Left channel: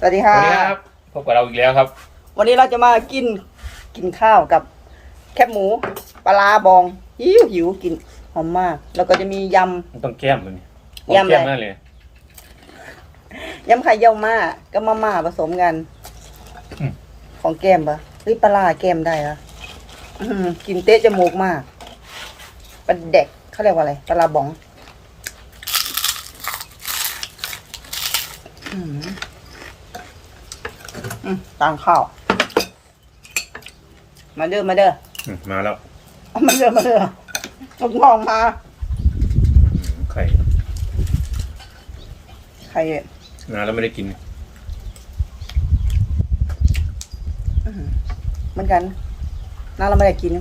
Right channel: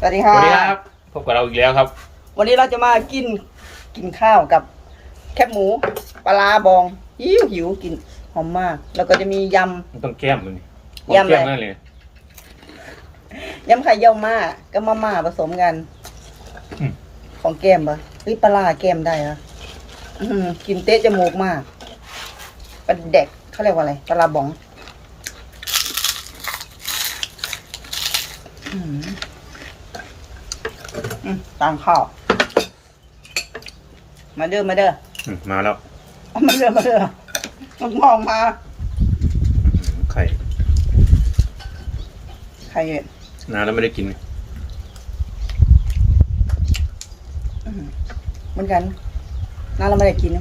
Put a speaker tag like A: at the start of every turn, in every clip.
A: สวัสดี
B: ส
A: ค่ะ
B: วัสดีครับ พบกับเราอีกแล้วครับ
A: วันนี้เราจะมากินกินข้าวกับแคบหมูปลาร้าบองหิวหิวกินหอมมาก แล้วก็จะมีย
B: มันต้องแก้มมัน
A: ยำเลย
B: แก้มนั่นเลยำ
A: ยำไข่เยี่ยวม่ากับมาม่าผสมกัน
B: อืม
A: ของแก้มปะเฮ้ยปลาร้าแก้มได้เหรอะกินเตะจมูกมากปลาเด็กเขาเรียกว่าอะไรปลาร้าบอง อืม อืมตามข้าว มาเด้อมาเด้อ
B: อืมมาแล้ว
A: เอามาเด้อมาเด้อผมมองมา
B: อื้อหือไข่
A: ใคร
B: นานแล้วไม่ได้กิน
A: เหมือนกันน่าเราไม่ได้กิน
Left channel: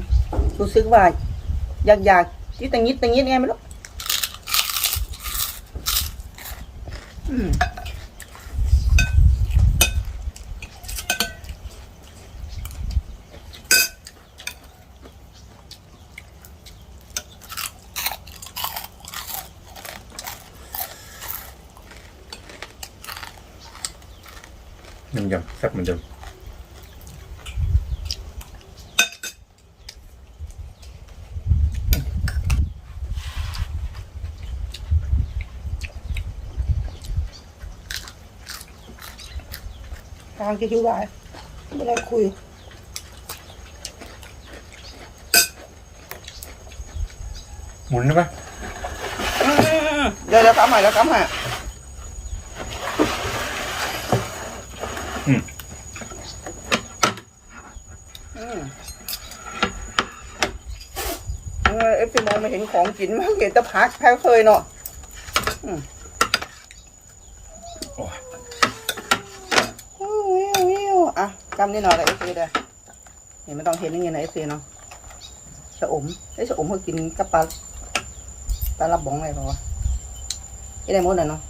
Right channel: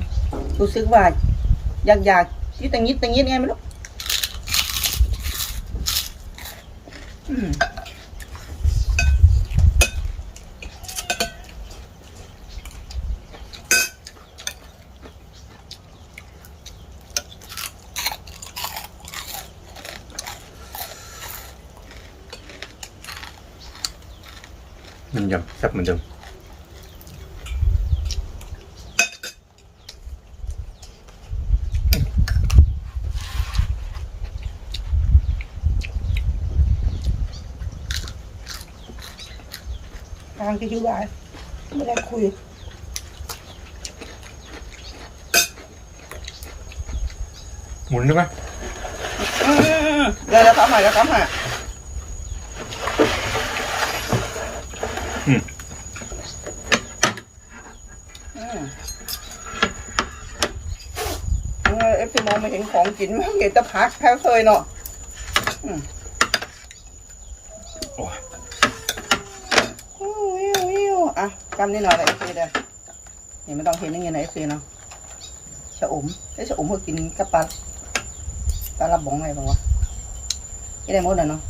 A: รู้สึกว่า อยากอยากยิดตังยิดตังยิดไงไม่รู้อืม
B: มันยำแซ่บเหมือนเดิม
A: ทางที่ที่วายไม่ได้คุย
B: หมุนได้ไหม
A: อืมเดี๋ยวเราทำหน่อยเราทำหน่อย
B: อืม
A: อืม จะมองไม่เห็นของกินไม่เห็นตะพักแค่เคยเนาะ
B: โอ้ย
A: วิววิวอะจำนี่หน่อยเลยเอฟซีเด้อนี่ไม่ต้องเห็นอย่างเงี้ยนเอฟซีเนาะสะอมไอ้สะอมเขากินกับปลาปลาลับบองอะไรเปล่าวะไอ้ได้หมดเลยเนาะ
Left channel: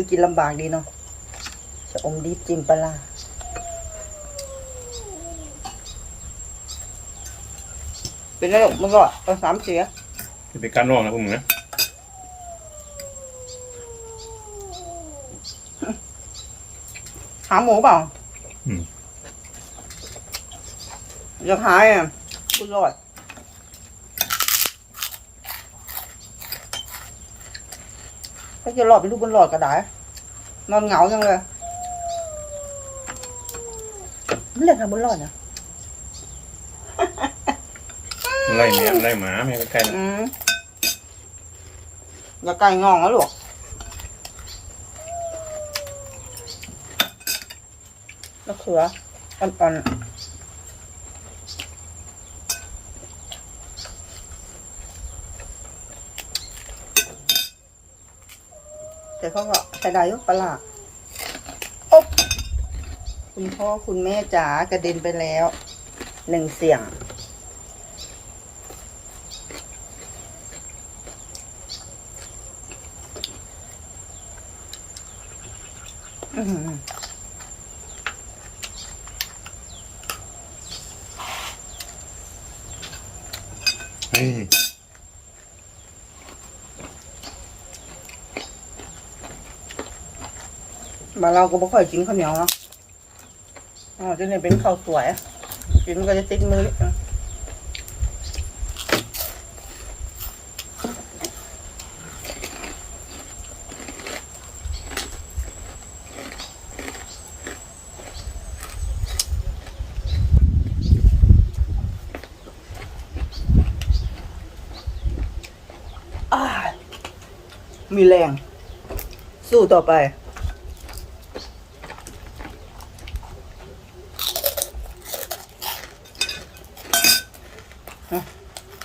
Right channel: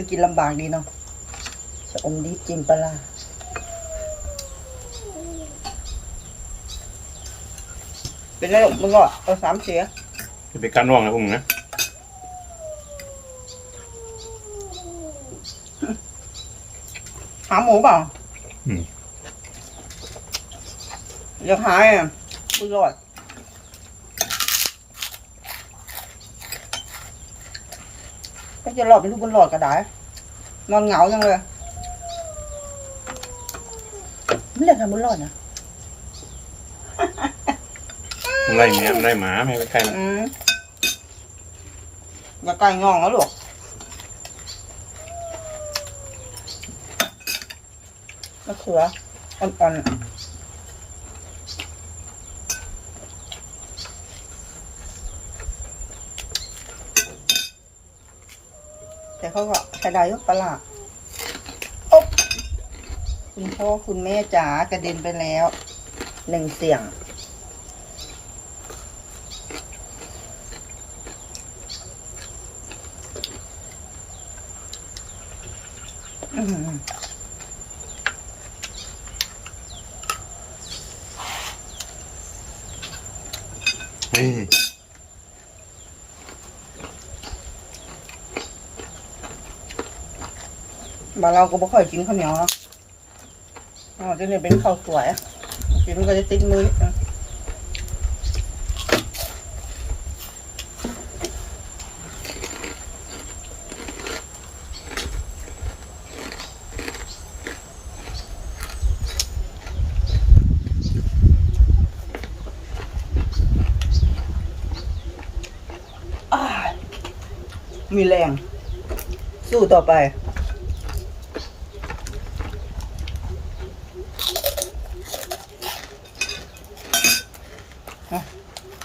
A: ไปกินลำบากดีเนาะชะอมดีจิ้มปลาร้าเป็นไรหรอกมึงก็เอาสามเสือ
B: จะไปการว่องนะพวกมึงนะ
A: หาหมูเปล่า
B: อืม
A: จะหายอะบุญรอด จะรอดเป็นลูกบุญรอดก็ได้ นอนเหงาจังเลยไม่เล่นทำบุญรอดนะ
B: มันไล่แมวมันไล่หมาไม่ให้ไปใกล้มัน
A: อืมอย่าไก่งองนะลูกมะเขืออ่อนๆ แต่เขาก็ใช้ได้ยุปลาร้าอ๊บคุณพ่อคุณแม่จ๋ากระเด็นไปแล้วหนึ่งเสียง อืม
B: ย
A: บ้านเราก็บ่ค่อยกินข้าวเหนียวเนาะอ๋อจะเนี่ยเป็นข้าวสวยกินก็จะติดมืออะมีแรง สู้ต่อไป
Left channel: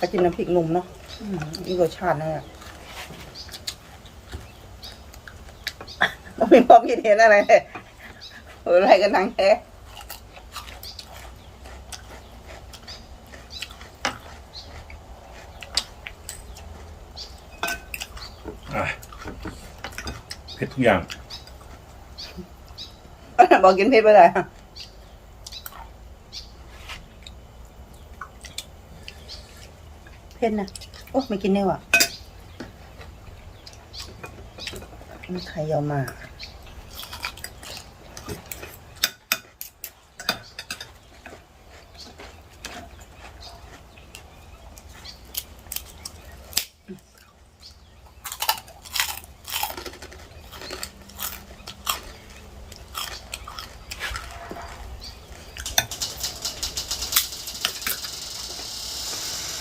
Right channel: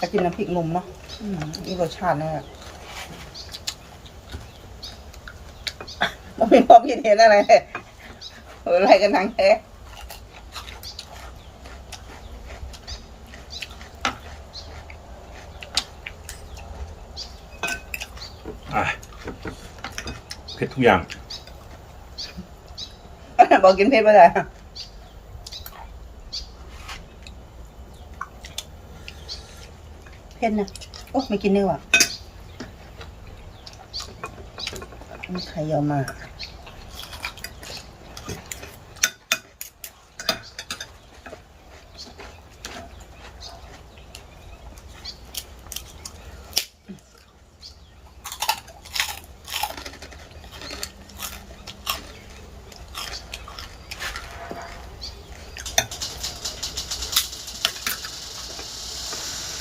A: ถ้ากินน้ำพริกหนุ่มเนาะอืมนี่รสชาติแน่ต้องมีความคิดเห็นอะไรเอออะไรกันทางแท้
B: อะเผ็ดทุกอย่าง
A: บอกกินเผ็ดไปเลย ผ็ดนะโอ้ไม่กินเนื้อว่ะมีใครเอามา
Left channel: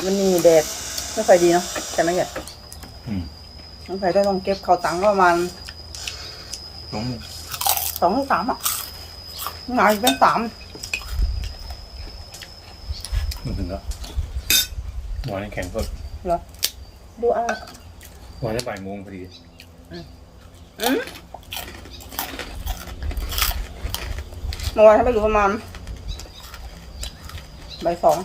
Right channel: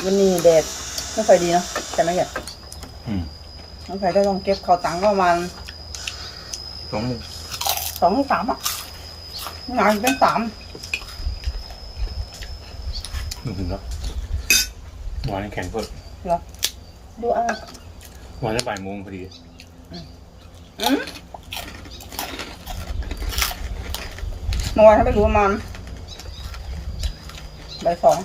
A: วันนี้แดด ไม่ค่อยดีเนาะแต่ไม่ใหญ่
B: อืม
A: น้องไผ่ก็ต้องเก็บเขาวตังค์ประมาณ
B: สองโมง
A: สองถึงสามอะงานเป็นสาม
B: นึกถึงแล้ววันนี้แข่งเพิ่ม
A: เหรอดูอะ
B: วันนี้บ่ายโมงพอดี
A: อืมเมื่อวานถ้าไม่รู้ประมาณบ่ายสอง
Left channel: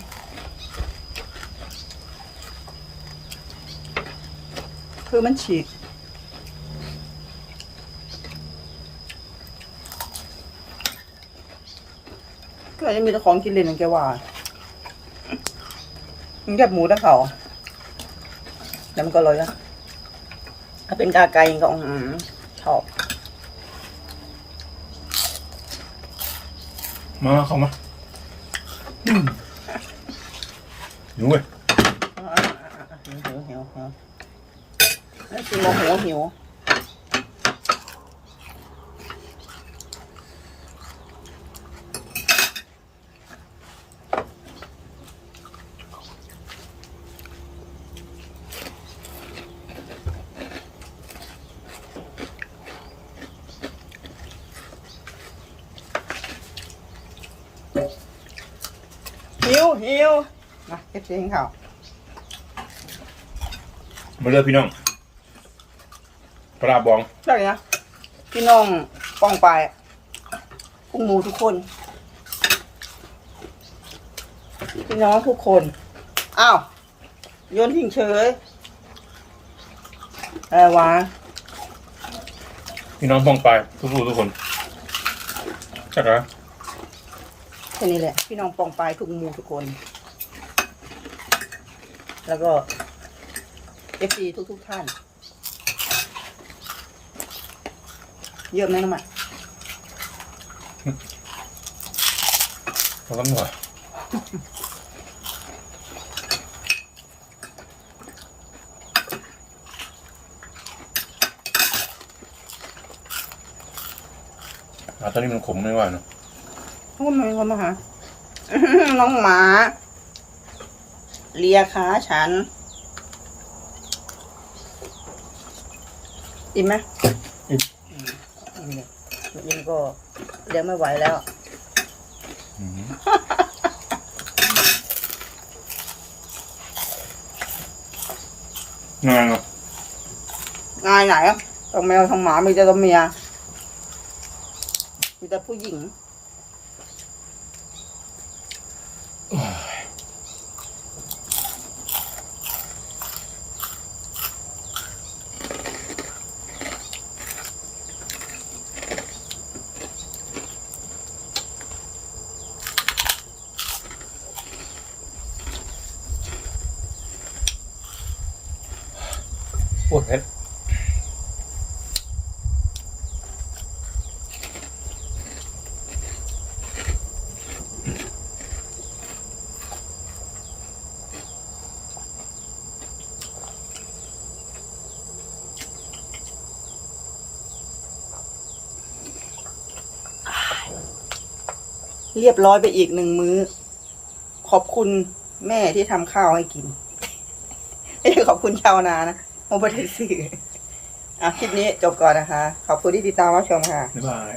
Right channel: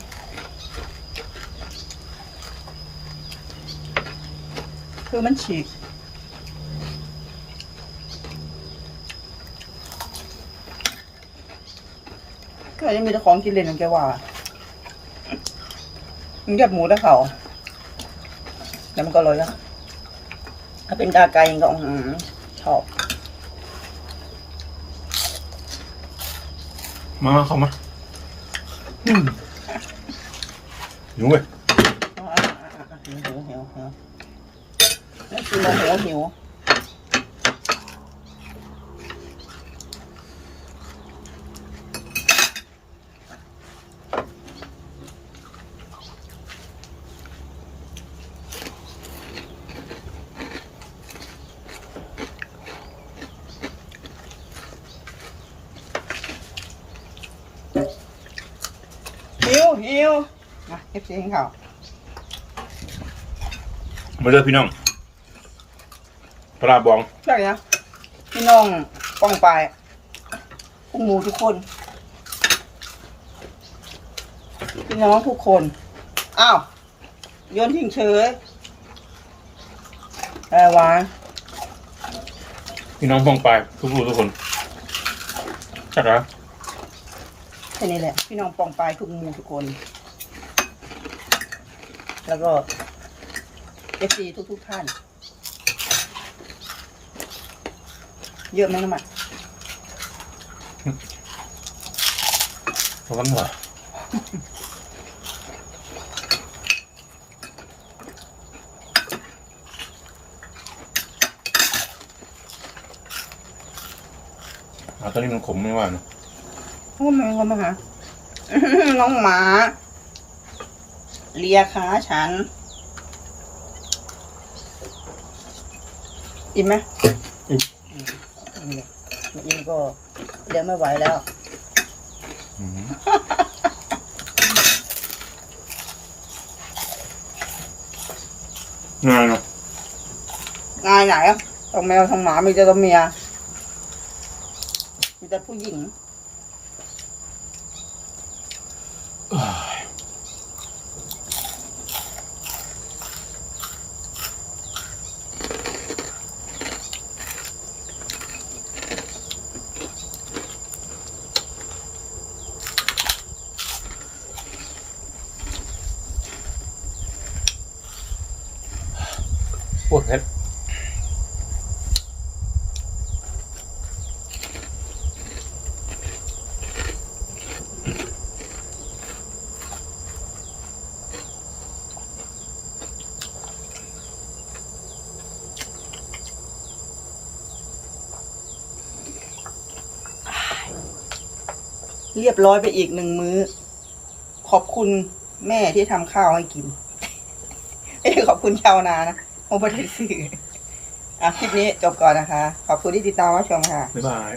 A: คือมันฉีกก็ยังมีแต่ของกินเล่นอย่างแกว่า มันแยบหมูตะเขาแล้วมันก็เลยอะถ้าเป็นกาไก่ก็อืมชอบ
B: มาเข้ามาอืมหิวเว้ย
A: หิวหิวหิว หิวแล้วกินโมโหหิวหิวหิวมาเอฟซีให้เขา
B: มาเลือกพี่น้อง ปลาบอง
A: ได้นะพี่น้องกองไปพุกหมูทุกคน พี่น้องทุกคน อ้าวโยนทิ้งเฉยเออวะ
B: พี่น้องฟองไปทุกผู้ทุกคนจักร
A: แค่นี้แหละ พี่น้องปองไปทุกหมูทุกคน แล้วก็เอฟซีทุกทุกๆท่าน เยอะไหมน้ำมัน
B: พอกันหน่อยอ่าตอนนี้มันขมไม่ว่าเนอะ
A: น้องแมวมาหา น้องหมา เลียขาฉัน อิ่มไหม
B: อิ่ม
A: อิ่มเลยอิ่มก็เดี๋ยวไม่ไหวแล้ว
B: อืมง่ายเนาะ
A: งายไหนอะทั้งแมวทั้งหมามีแต่ตัวเมียมีแต่ผู้หญิง
B: โอ้ยเผ็ด，
A: เรียบร้อยไปอีกหนึ่งมื้อ ขอบคุณแม่ที่ทำข้าวให้กินไม่ใช่ขอบคุณชาวนานะ โมบไดสื่ออะคลิปนี้จบก่อนนะคะ ขอบคุณที่ติดตามรับชมค่ะ
B: บ๊ายบาย